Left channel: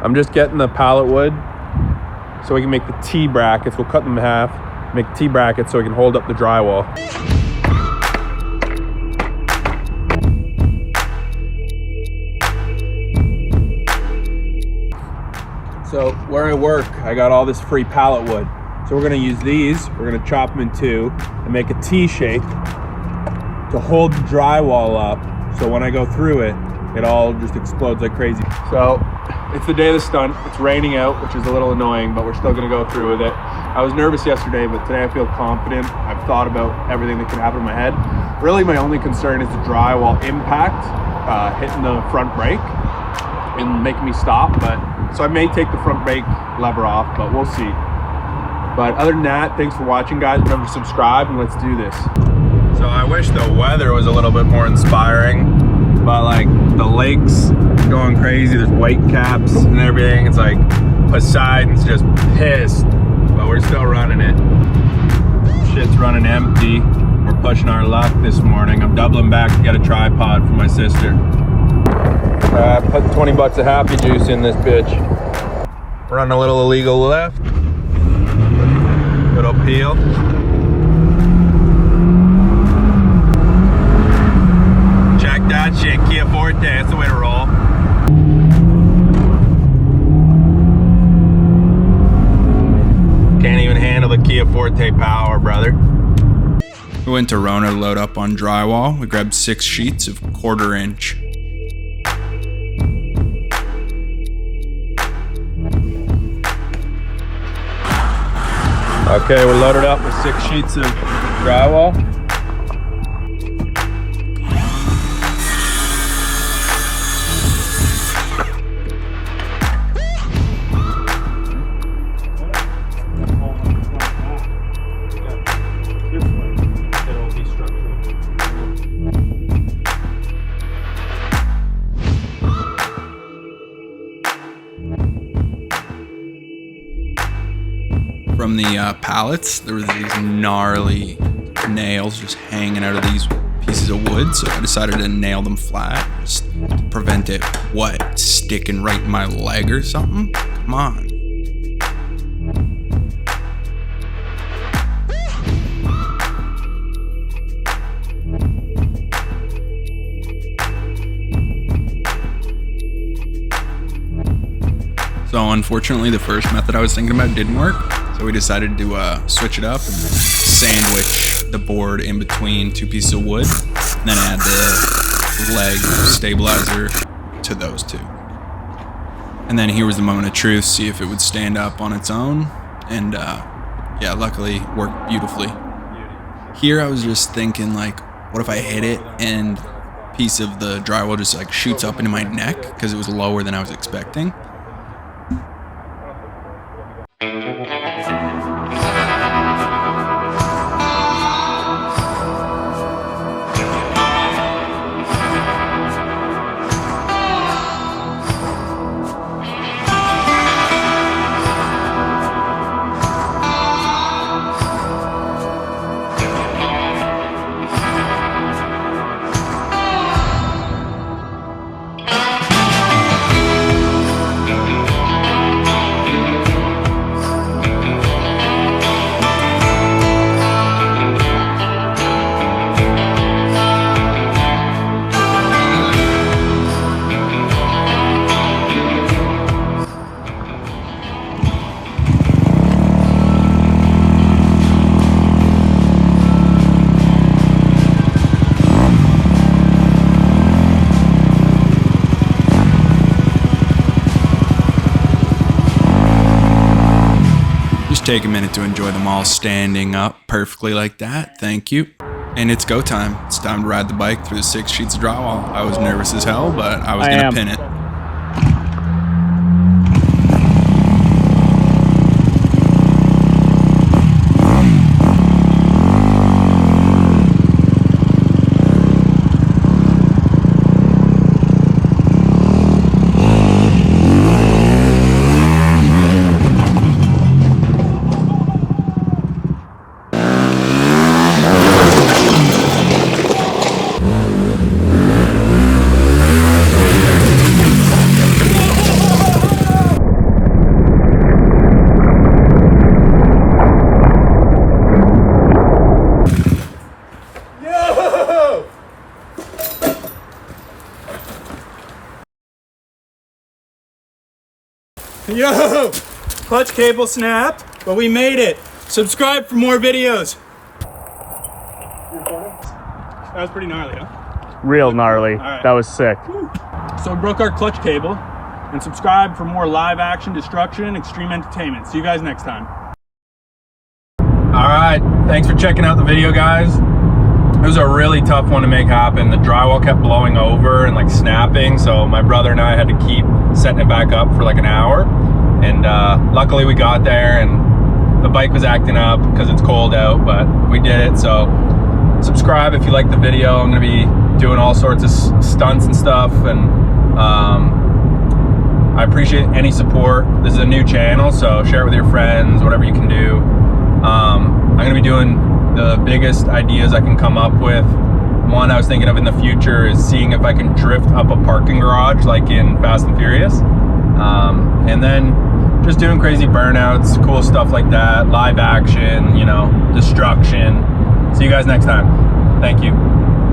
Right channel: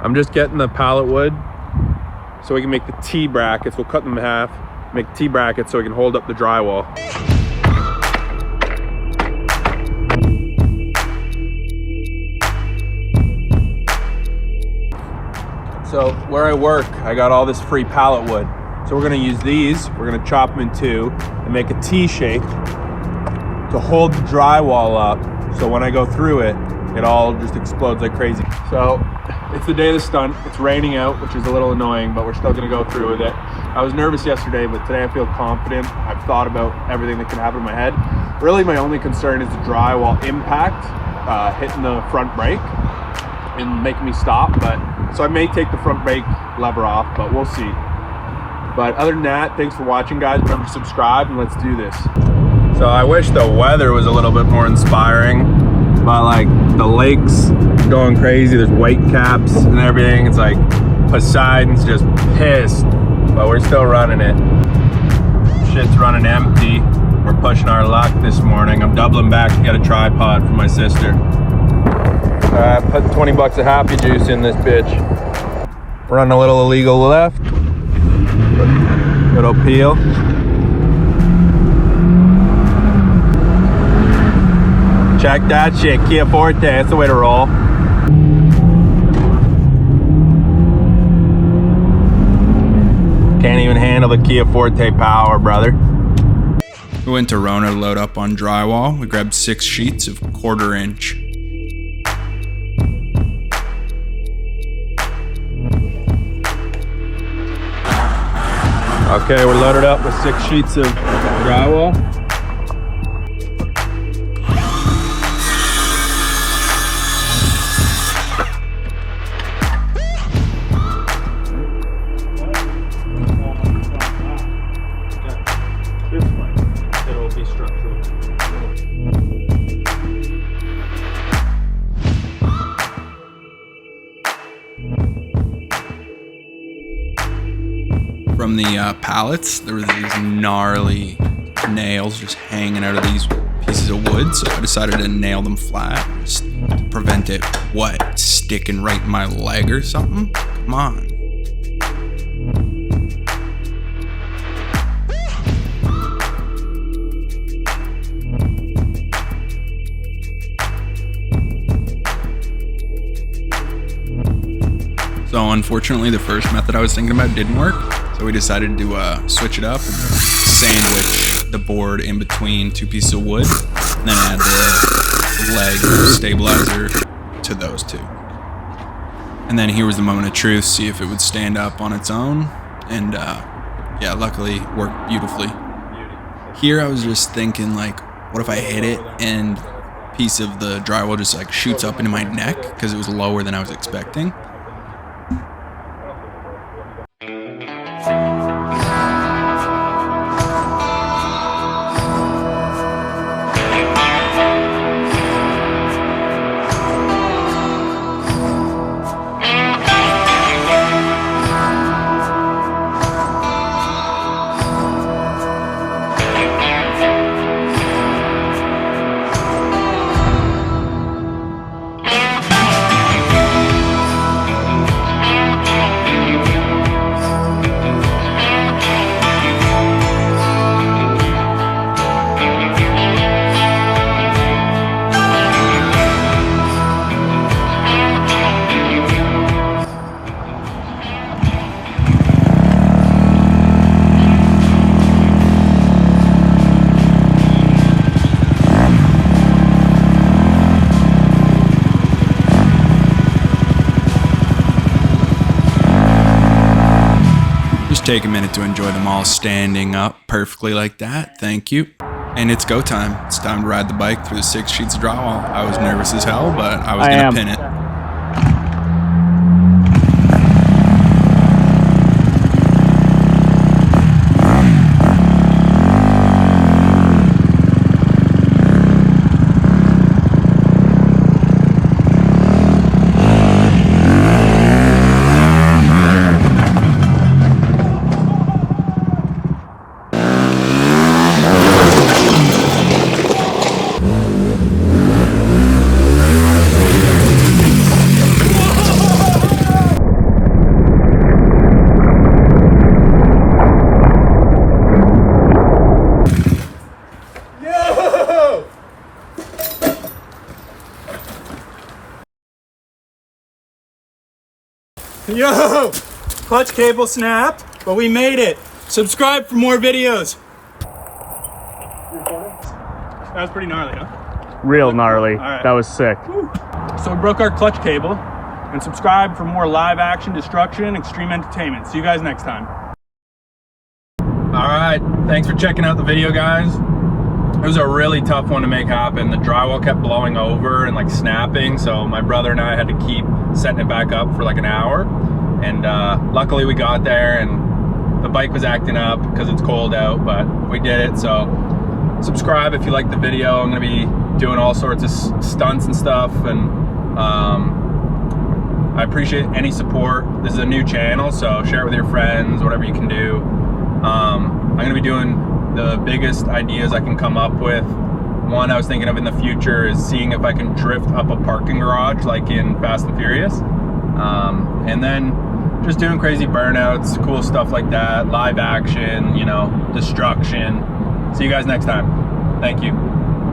I'm just getting the pallet wood so we can make the T brackets. We'll cut them in half, make T brackets so we can hold up the drywall. So where I work, I got all this free pallet wood. So we're gonna use these, we're gonna chop them in two and make a T shape to hold the drywall up. So when I go through it, it all just explodes like crazy. So it's the day of the stunt. It's raining out, which is a little annoying, but we're still gonna go through with it. I was nervous yesterday, but today I feel confident. I've thought about everything that could happen in my head. Really, my only concern is the drywall impact, hitting the front brake and making me stop. But so I may take the front brake lever off, but we'll see. But other than that, thanks for watching, guys. Remember to subscribe and let's do this. So I wish the weather was a little bit more inspiring, but like the lake's going crazy. There's white caps and everything. It's like Poseidon's just pissed, but we're still running it. Shit's running empty. We're pushing our luck this morning. I'm doubling back to get a tripod for my sister. All right, put 20 bucks of Happy Juice in this bitch. Run a little illegal left. Little peel. Check that shit, Kia Forte, that's the way to roll. Can't even handle the Kia Forte power, brother. We went to Rona to load up on drywall. We grabbed 6 sheets of 1/4 inch. Okay, we're loaded up with 6 sheets of drywall. From the pallets, there were these gnarly nails just hanging out of these pieces of wood, so I decided to nail them flat just to prevent it, sticking right in my leg or something? Come on. So unfortunately, the first method I was thinking about didn't work. So we decided to switch it up and sandwich the board in between 2 pieces of wood, and then add the leg stabilizer to those 2. And then here was the moment of truth, see if it would stand up on its own. And yeah, luckily it worked beautifully. Here I was just thinking, like, what if I hit it and a piece of the drywall just like shoots up into my neck because it was lower than I was expecting. Just take a minute to enjoy them all standing up perfectly like that. Thank you. And it's go time. It's time to ride the bike through the 6 sheets of drywall. I was nervous as hell, but I was gonna pin it. Yo! Clutch cable snapped, but we made it. Subscribe for more videos. That was pretty gnarly, huh? Real gnarly. right. That was sick. So we broke our clutch cable, and subscribe for more live action destruction and extreme entertainment. See you guys next time. All right, thanks for checking out the video, guys. It was a really tough one to make happen. The drywall kept blowing over and like snapping, so my brother and I had to keep setting it back up for like an hour. And luckily we got there, and the bike was acting up because it's cold out, but we did it. So subscribe if you like the video. I'm gonna be doing all sorts of stunts and stuff, and I appreciate any support. This is a new channel, so share it with your friends, whatever you can do. I'm gonna be doing the biggest ideas I can come up with. One I was thinking of in the future is seeing if I can drift up a parking garage like in Fast and Furious. And then just doing crazy burnouts, cool stuff like that, live action, you know, destruction. See you guys next time. Thank you.